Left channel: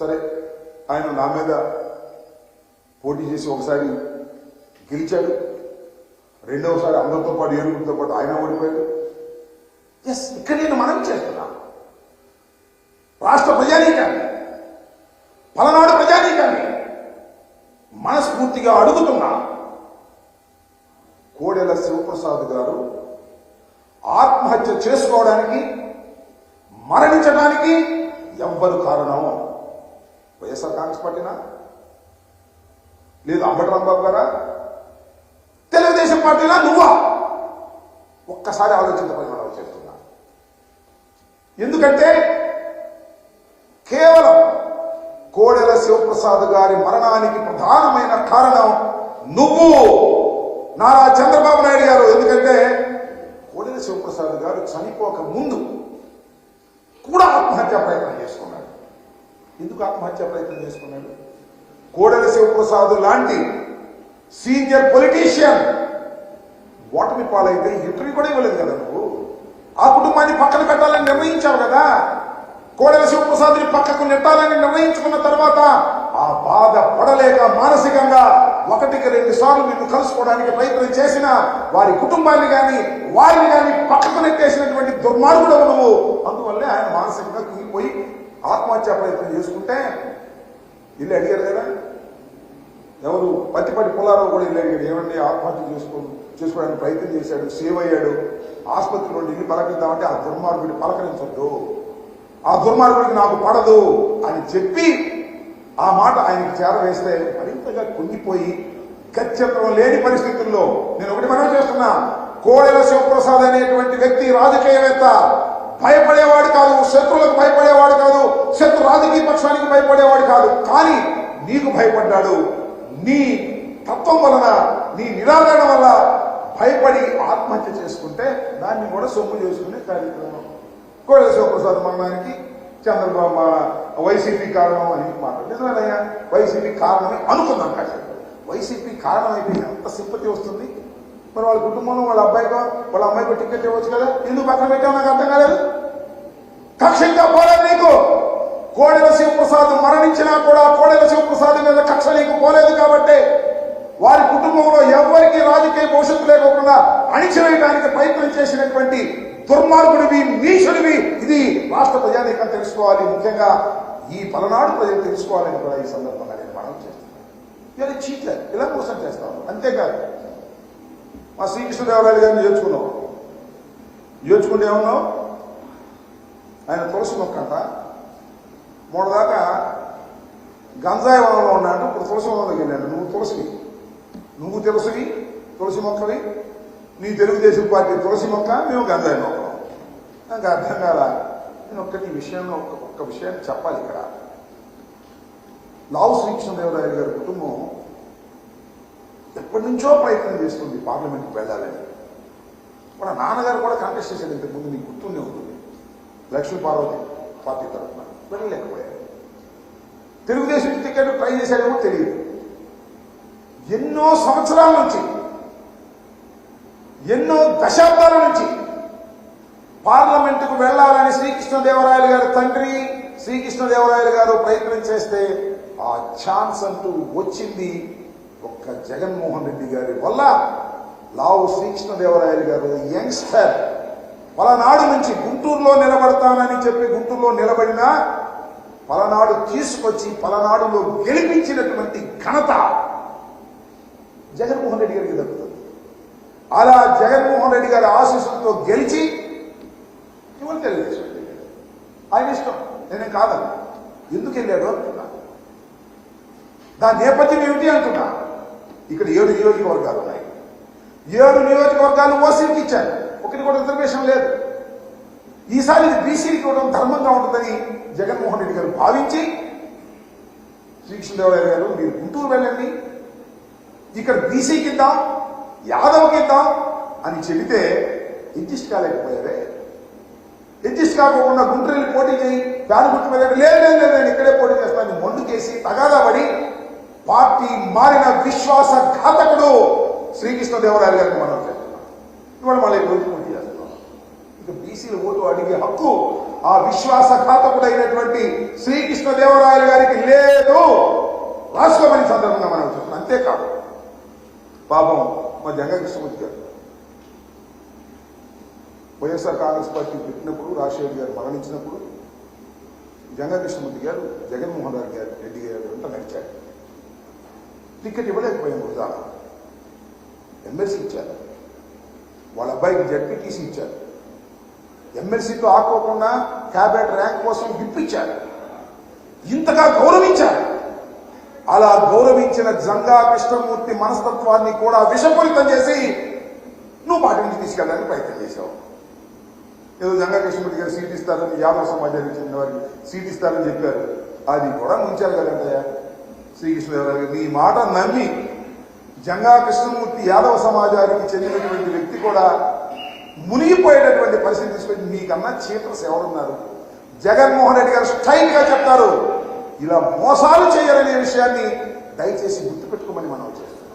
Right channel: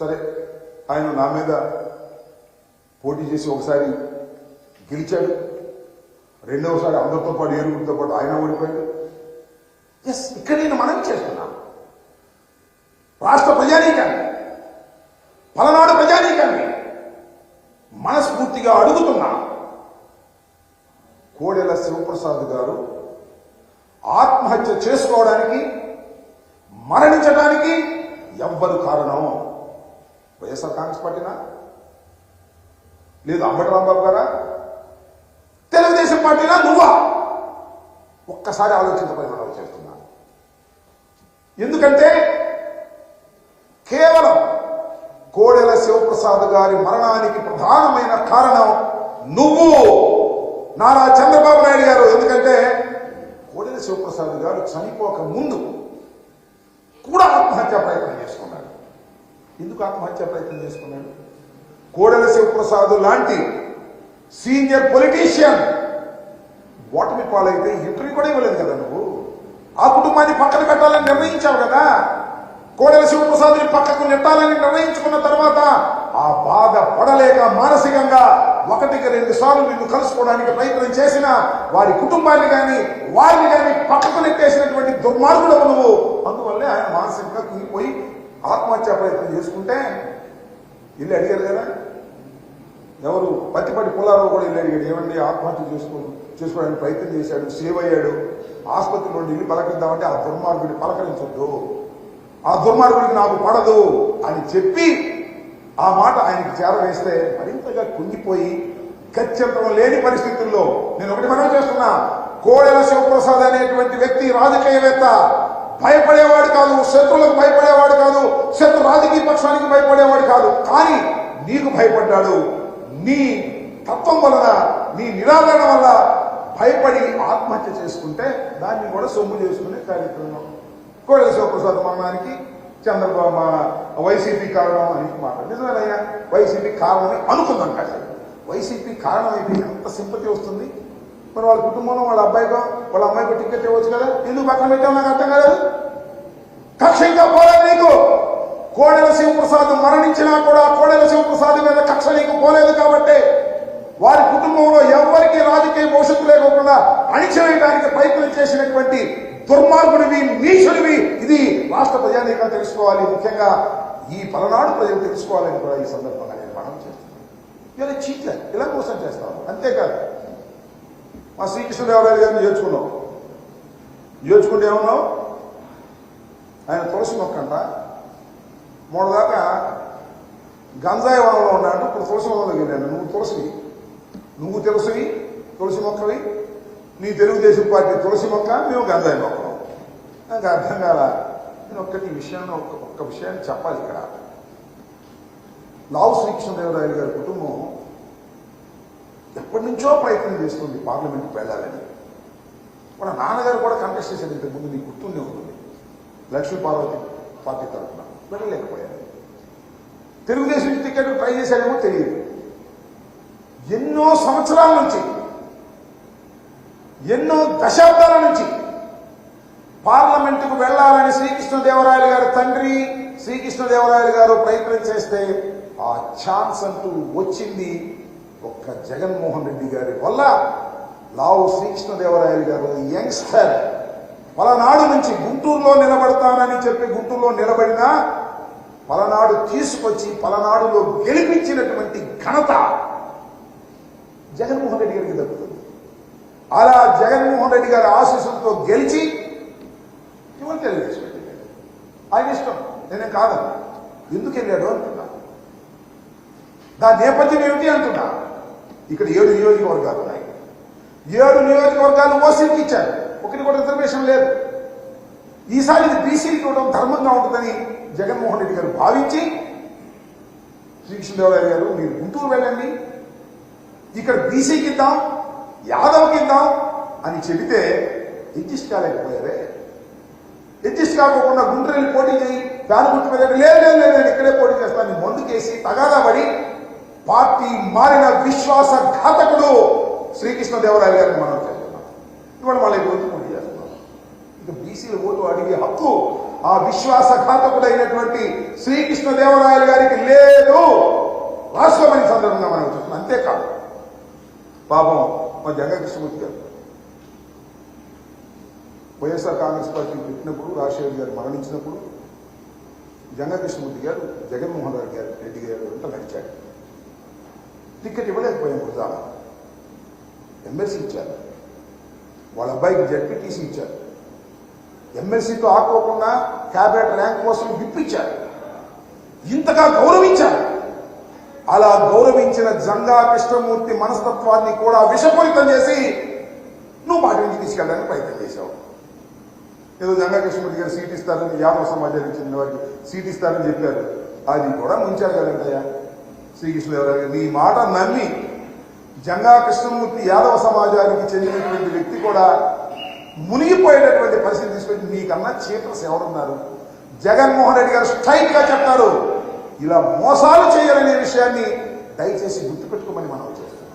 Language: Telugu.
సరే, ఆయన నా మీద పోటీ చేసి ఒకసారి గెలిచాడు, రెండవసారి అందరితో పాటు ఏరుగురితో పాటు ఆయన ఓడిపోయాడు. ఎస్, ఇక్కడ నేను మనం చేస్తున్నాను. రాష్ట్ర ప్రజానీకాన్ని, పలనాడు ప్రజానీకాన్ని మనస్ఫూర్తిగా అడుగుతున్నా, కోడెల శివప్రసాద్ గారు ఆత్మహత్య చేసుకోవడానికి, మరణించడానికి ఎవ్వరు కారణం? వైఎస్ఆర్ కాంగ్రెస్ పార్టీనా, లేదు అంబటి రాంబాబు గారా, తెలుగుదేశం పార్టీనా, నువ్వా? ఒక్కసారి ఆలోచించమని మనం చేస్తున్నా. ఎందుకంటే కేవలం కోడెల శివప్రసాద్ గారి మరణానికి ప్రధానమైన కారణం నువ్వు, నారా చంద్రబాబు నాయుడు గారు. ఎందుకంటే కోడెల శివప్రసాద్ గారు చనిపోక ముందు కూడా ఆత్మహత్యా ప్రయత్నం చేసుకున్నాడు. ఎందుకు ఆత్మహత్యా ప్రయత్నం చేసుకున్నాడు? కోడెల శివప్రసాద్ లాంటి సీనియర్ పొలిటీషియన్ ఓటమి పాలైతే ఇంటర్వ్యూ కూడా ఇవ్వలేదు కదా నువ్వు. ఆ కుటుంబాన్ని పక్కన పెట్టాలని నిర్ణయించావు కదా. కోడెల శివప్రసాద్ని పక్కకు నెట్టాలని నిర్ణయించుకున్న తర్వాత ఆ బాధ పడలేక మానసికంగా 1-2 సార్లు నిన్ను కలుసుకోవడానికి ప్రయత్నం చేసిన వారి కుటుంబాన్ని కానీ వారిని కానీ పక్కకు నెట్టేసినటువంటి దుర్మార్గుడు నువ్వు. అందువల్లే ఆయన మానసికంగా కుంగిపోయి ఆత్మహత్యా ప్రయత్నం చేసుకుంటే ఇల్లు అడిగారు కదా. ఎవరు? పత్తిపాటి పుల్లారావు కూడా ఇల్లు అడిగాడు, ఏమండి ఆత్మహత్య చేసుకోవడానికి ప్రయత్నం చేశాడు, సేవ్ అయ్యాడు, ఆసుపత్రి నుండి ఇల్లు పలకరిద్దామంటే ఆ దుర్మార్గుడిని పలకరించొద్దు, ఆ దుర్మార్గుడికి నాకు పడదు అని చెప్పి ఆ మాట ఆయనకి చేరవేస్తే మరింతగా కుంగిపోయి గత్యంతరం లేని పరిస్థితుల్లో నేను ఒకటి మనం చేస్తున్నా, కోడెల శివప్రసాద్ అనేటువంటి వ్యక్తి రాజకీయవేత్త, భయపడేవాడు కాదు, శత్రువులకు భయపడేవాడు కాదు, శత్రు రాజకీయ పక్షానికి భయపడేవాడు కాదు. కానీ నీకు భయపడ్డాడు. నీ తత్వం వలన, నీ నిరాదరణ వల్ల భయపడి ఆత్మహత్య చేసుకుంటే దాన్ని కూడా సొమ్ము చేసుకునే కార్యక్రమం. కోడెల శివప్రసాద్ మరణానికి చంద్రబాబు వైసీపీ కారణం అని మాట్లాడు. నిజమేనయ్యా, వైసీపీ కారణమే అనుకుందాం. కానీ వైసీపీ కారణం అయితే ఎంత సింపతి వస్తుంది. మరి వాళ్ళ కుటుంబంలో వాళ్ళ అబ్బాయికో వాళ్ళ అమ్మాయికో టికెట్ ఇవ్వచ్చు కదా. ఎందుకు పక్కన పెట్టావు నాకు అర్థం కాలేదు. కక్ష ఇంకా పోలేదు నీకు. కోడెల శివప్రసాద్ మరణించినా కూడా కోడెల శివప్రసాద్ మీద కక్ష నీకు పోలేదు కాబట్టి వారి కుటుంబంలో ఎవరికి రాజకీయ భవిష్యత్తు లేకుండా అణిచివేయడానికి ప్రయత్నం చేసినటువంటి దుర్మార్గుడివి, నీచుడివి. ఇది రాష్ట్ర ప్రజానీకం తెలుసుకోవాలి, ముఖ్యంగా ఈ పలనాడు ప్రజలు తెలుసుకోవాలని కూడా ఈ సందర్భంగా నేను మనం చేస్తున్నాను. ఇలా చీట్లేదు, ఇలా మోసం చేస్తాను. అంతేకాదు, మా శ్రీకృష్ణదేవరాయలు గారిని చేర్చుకుంటే ఏమన్నావు? ఆయన తులసి మొక్కంట మొదదాకా గంజాయి వనంలో ఉన్నాడు, ఇప్పుడు తులసి వనంలోకి వెళ్ళాడు. నువ్వు తులసి మొక్కవి, నీ తెలుగుదేశం పార్టీ తులసి మొక్క, మేము గంజాయి మొక్కం. నాకు అర్థం కాదా. నేను ఒక్క విషయాన్ని చెప్పాలి ఇక్కడ. లావు శ్రీకృష్ణదేవరాయలు గారి కుటుంబం ఎప్పటి నుంచో ప్రయత్నం చేస్తుంది పార్లమెంట్కి వెళ్ళాలని. మన నాన్నగారు కూడా కంటెస్ట్ చేశాడు ఇంతకుముందు, నీకు గుర్తుండే ఉంటుంది, లక్ష్మీ పార్వతి పార్టీ తరఫున. వెళ్ళలేకపోయాడు. తెలుగుదేశం టికెట్ ట్రై చేశాడేమో తెలియదు. ఎన్నో సంవత్సరాల నుంచి, ఎన్నో దశాబ్దాల నుంచి పార్లమెంటుకు వెళ్లాలని శ్రీకృష్ణదేవరాయలు గారి తండ్రి శ్రీకృష్ణదేవరాయలు గారు ప్రయత్నం చేస్తే ఆ ఛాన్స్ అంటూ వచ్చింది ఒక్క జగన్మోహన్ రెడ్డి గారి వల్ల. లావు శ్రీకృష్ణదేవరాయలు గారు యంగ్స్టర్, పలనాడు నుంచి గుంటూరులో నిలబడతానని చెప్పి గుంటూరులో నిలబడినా పలనాడు తీసుకొచ్చి పలనాడులో గెలిపించినటువంటి ఘనత జగన్మోహన్ రెడ్డి గారికి దక్కుతుంది. అలా జగన్మోహన్ రెడ్డి గారి ఆశీస్సులతో గెలిచి ఇవాళ తెలుగుదేశం ఆయన ఇష్టం, నేనేం కాదని. ఎందుకు వెళ్ళాడు అంటున్నా, దాని నేపథ్యం ఏమిటి అంటున్నా. ఇక్కడ 7 నియోజకవర్గాలు ఉన్నాయి. 7 నియోజకవర్గాలు ఓసీలకు ఇచ్చారు, ఒకటి కూడా రిజర్వేషన్ లేదు. ఈసారి ఇది బీసీకి ఇవ్వడం ధర్మంగా ఉంటుందని జగన్మోహన్ రెడ్డి గారు భావించి శ్రీకృష్ణదేవరాయలు గారు మీరు గుంటూరు వెళ్ళండి, ఇక్కడ బీసీకి ఇద్దాం, యాదవ్కి ఇద్దాం అని చెబితే అడ్జస్ట్ కాలేకపోయారే. అడ్జస్ట్ కాకుండా గుంటూరు వెళ్ళి పోటీ చేయి, దాని గుర్తు వెళ్ళండి, లేదు నేను ఇక్కడే పోటీ చేస్తాను మొందుకేసి తగాదా పడి పార్టీ మారిన విశ్వాసఘాతకుడు శ్రీకృష్ణదేవరాయలు గారిని మనం చేస్తున్నాం. ఇవాళ మళ్ళీ రోజు పోటీ చేస్తున్నాం. ఇక బీసీల ఓటు అడిగే హక్కు ఆ విశ్వాసఘాతకుడైనటువంటి శ్రీకృష్ణదేవరాయలు గారికి లేదు. రాష్ట్రమని సందర్భంగా మనం చెప్తున్నాం. అంతేకాదు పాపం మా జంగా కృష్ణమూర్తి గారు వైఎస్ఆర్ కాంగ్రెస్ పార్టీ పెట్టినప్పుడు, రాజశేఖర్ గారు మరణించినప్పుడు జంగా కృష్ణమూర్తి గారు జగన్మోహన్ రెడ్డి గారు వెంట నడిచారు. టికెట్ ఇవ్వలేకపోయాం. వృధాన ఎమ్మెల్సీ ఇచ్చారు, వాళ్ళ అబ్బాయికి జడ్పీటీసీ ఇచ్చారు. ఎమ్మెల్సీతో ఆకోకుండా క్యాబినెట్ ర్యాంక్ కోసం విప్పించారు. ఇంతగా గౌరవించారు. అలా గౌరవించిన జంగా కృష్ణమూర్తి మనస్తత్వాన్ని కూడా విషపూరితం చేసి నువ్వు పార్టీ నుంచి తీసుకెళ్ళడానికి ప్రయత్నం చేశావు. ఏదో జంగా కృష్ణమూర్తి గారు సీట్ ఇస్తారని, యాదవ సమాజానికి చెందిన వారికి సీట్ ఇస్తారని చెప్పారు. అది కూడా ముంచారు కదంటయ్యా శ్రీకృష్ణదేవరాయలు. నీ మాట నమ్మి జంగా కృష్ణమూర్తి యాదవ సమాజానికి చెందినటువంటి వ్యక్తి కూడా మునిగిపోయేటటువంటి పరిస్థితి తీసుకొచ్చి నీకన్నా చీటర్స్ ఎవరున్నారు? జగన్మోహన్ రెడ్డి గారు స్ట్రైట్ గా చెప్తారు, ఇలా మోసాలు చేయాలనే విషయాన్ని దయచేసి గుర్తుపెట్టుకోమని మనం చేస్తాం.